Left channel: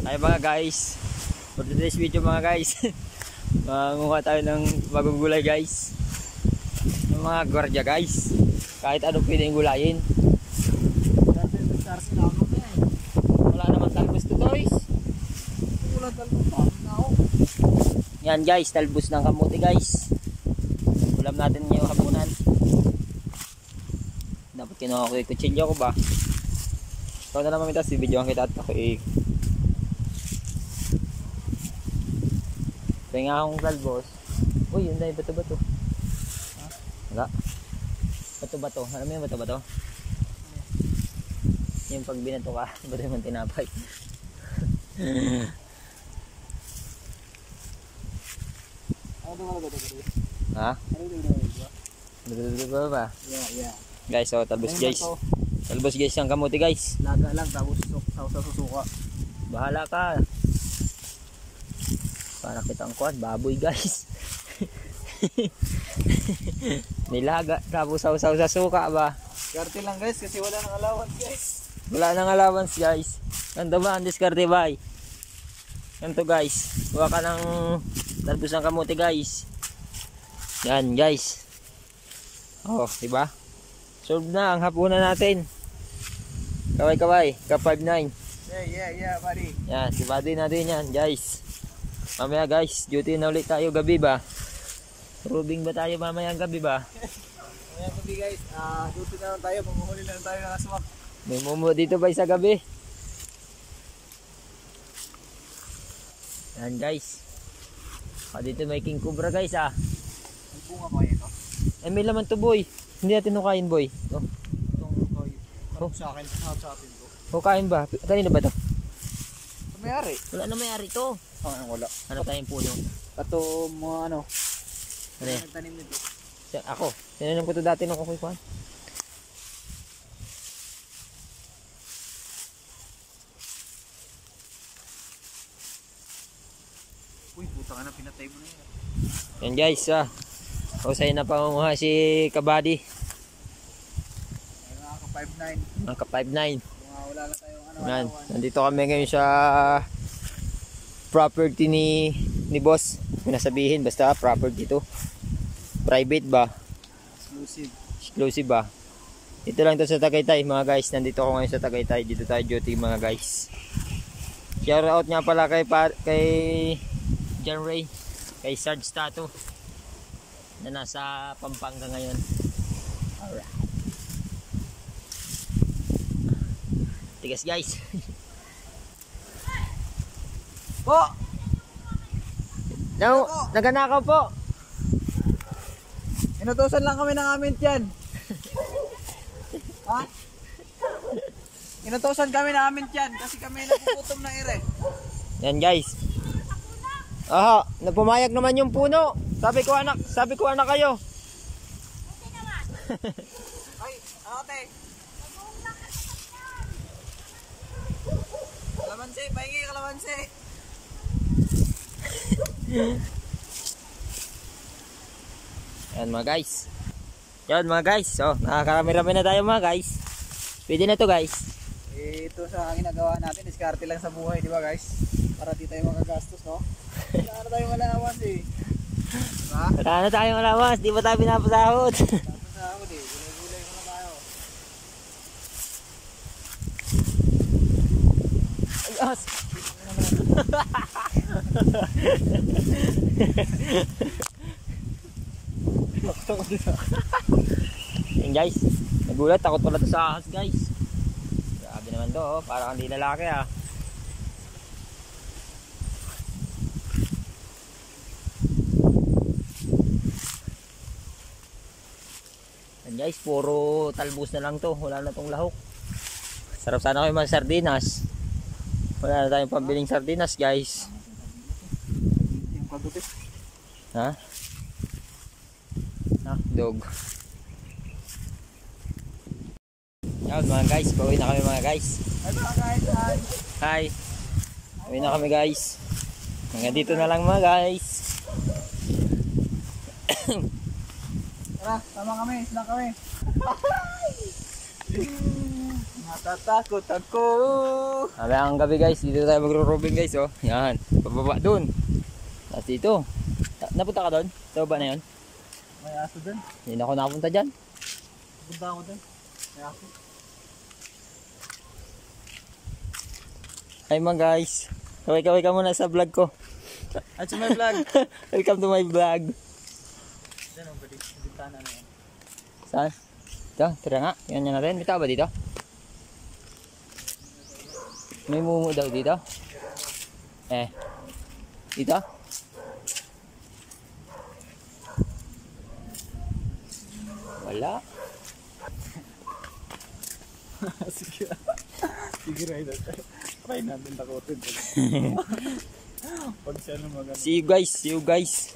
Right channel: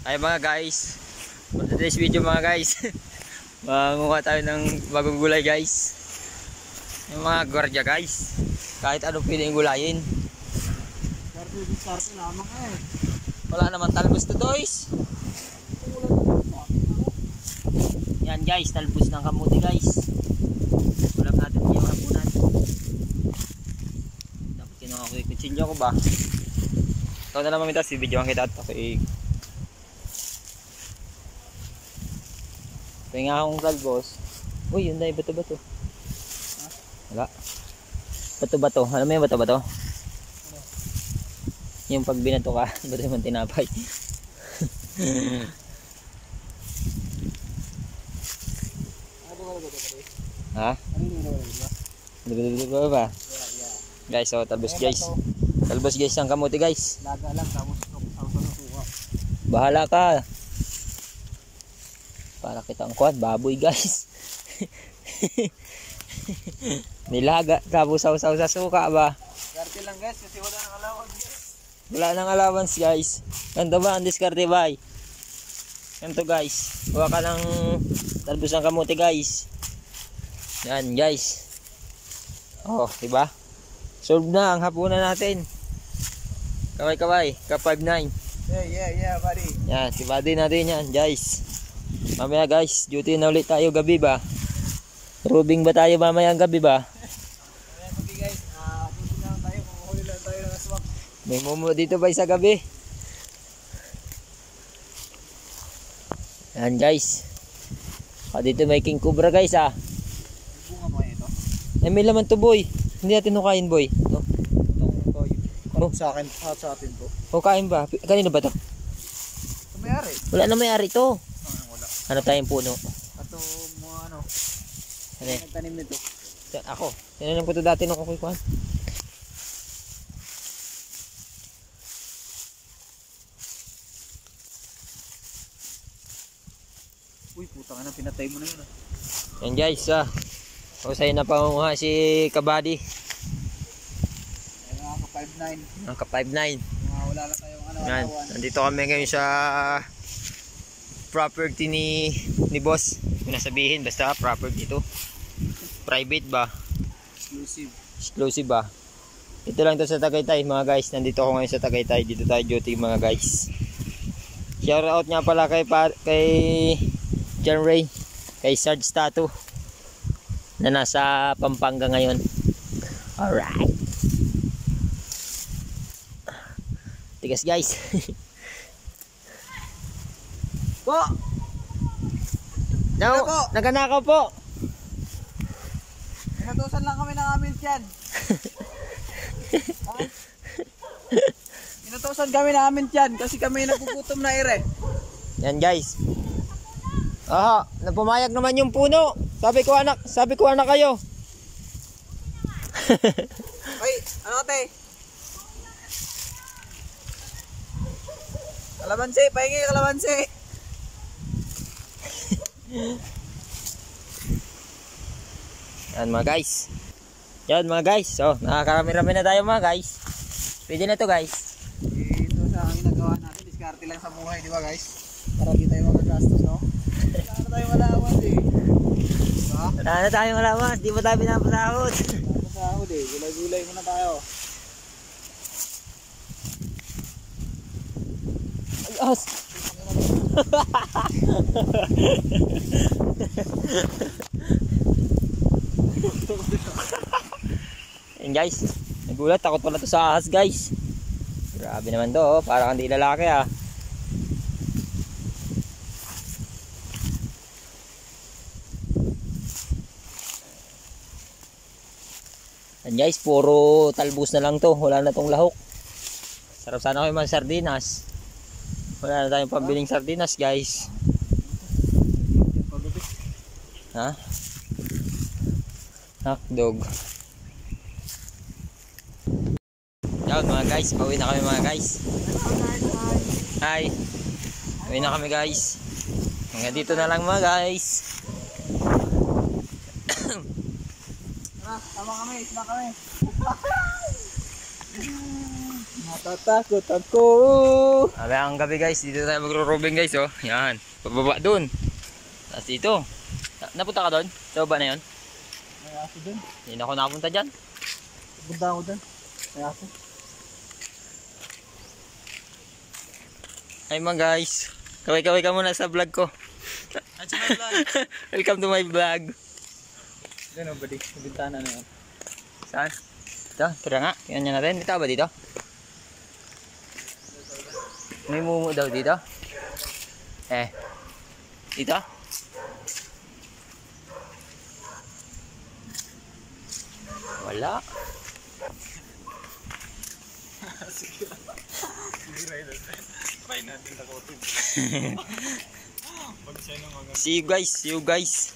Ay mga guys, for today's video mga guys, mangunguha tayo ng bagong gulay guys. Yung mga gwardiya guys, kahit ano pwedeng gulayin. Wala naman talbos to guys. Yan guys, talbos ng kamuti guys. Ulam natin yung hapunan. Dapat kinuha ko yung kutsilyo ko ba? Ikaw na naman ito, si videoan kita at ako kaya nga akong talbos. Uy, yun na yung bato-bato. Wala. Bato-bato. Alam mo yung bato-bato? Yung pag binato ka, bato naman tinapay. Ha? Ano ba? Yeah. Guys, so talbos guys. Talbos guys ang kamuti guys. Laga lang, tapos susuka. Bahala ka. Para kita ang kuwan, baboy guys. Nilaga, tapos sausaw sa suka ba? Diskarte lang guys, kasi wala nang allowance guys. Wala nang allowance guys. Ganto ba ang diskarte bay? Ganto guys. Huwag ka ng talbos ng kamuti guys. Yan guys. Oh, diba? Solve na ang hapunan natin. Kaway-kaway, ka-5-9. Yeah, buddy. Yan, si buddy natin yan guys. Mamaya guys, duty na ulit tayo gabi ba? Rubing ba tayo mamaya ang gabi ba? Mamaya gabi guys, duty na lang tayo, panguhuli na lang tayo ng aswang. May mumu dito ba sa gabi? Yan guys. Dito may king cobra guys ah. May bunga mo ito? Ay may laman to boy. Hindi natin hukain boy. No? Itong sa akin, sa atin to. Hukain ba? Kanino ba to? May-ari. Wala na may-ari to. Wala. Ano tayong puno? Ato mga ano? Ano yan? Nagtanim nito. Ako. Tinanim ko to dati nung ako kuhan. Uy, putang ano, pinatay mo na yun. Yan guys Usay na pangunguha si Kabady. Ay mga ka-5-9. Ang ka-5-9. Mga wala lang tayong ano. Yan. Nandito kami ngayon sa property ni boss. Kung nasabihin, basta property to. Private ba? Exclusive ba? Ito lang to sa Tagaytay mga guys. Nandito ako ngayon sa Tagaytay. Dito tayo duty mga guys. Shout out nga pala kay John Ray, kay Sarge Tattoo na nasa Pampanga ngayon. Alright. Tigas guys. Po! No, naganakaw po. Inutusan lang kami ng amin dyan. Ha? Inutusan kami ng amin dyan kasi kami nagugutom na ere. Yan guys. Aha, napumayag naman yung puno. Sabi ko anak kayo. Ay, ano te? Kalamansi, pahingi kalamansi. Yan mga guys. Yan mga guys. So, nakakarami-rami na tayo mga guys. Pwede na to guys. Ito sa ginagawa natin, diskarte lang sa buhay, di ba guys? Para di tayo magagastos, no? Wala na tayong allowance eh. Diba? Wala na tayong allowance, di ba tayo pinapasahod? Pinapasahod eh, gulay-gulay muna tayo. Ay, as! Yan guys, nagulat, takot pala to sa ahas guys. Grabe naman to, parang hindi lalaki ah. Yan guys, puro talbos na lang to, wala na tong lahok. Sarap sana kayo mga sardinas. Wala na tayong pambiling sardinas guys. Ha? Dog. Yan mga guys, pauwi na kami mga guys. Hi. Pauwi na kami guys. Hanggang dito na lang mga guys. Tara, tama kami, isla kami. Natatakot ako. Mamayang gabi guys, dito tayo magro-robing guys oh. Yan, pababa dun. Tapos dito. Napunta ka doon? Sa baba na yun? May aso dun. Hindi na ako nakapunta dyan. Punta ako dun. May aso. Hi mga guys. Kaway-kaway ka muna sa vlog ko. Ay, sa my vlog. Welcome to my vlog. Gano'n ba di? Bintana na yan. Saan? Ito, tira nga. Tingnan nyo natin. Dito ba dito? May mumu daw dito. Dito? Wala. Sige. Sige, Rider. Try natin takutin. Pag siya nung See you guys. See you guys.